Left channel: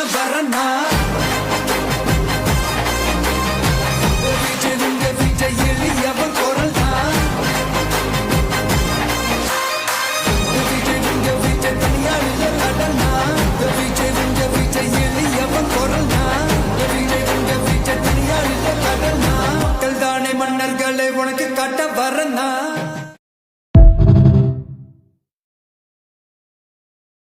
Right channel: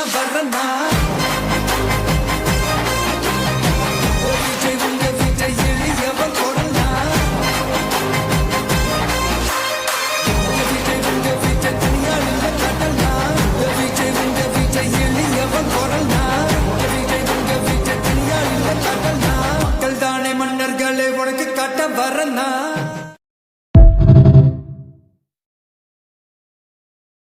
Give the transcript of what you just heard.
பண்ண வரனா விஜய் எளியவன் குரல்னா விஜய் தனியார் இல்ல கடல்னா விஜய் எளியவன் குரல்னா விஜய் தனியார் இல்ல கடல்னா மக்கள் தானே மன்னர்களை உனக்கு காட்ட வரனா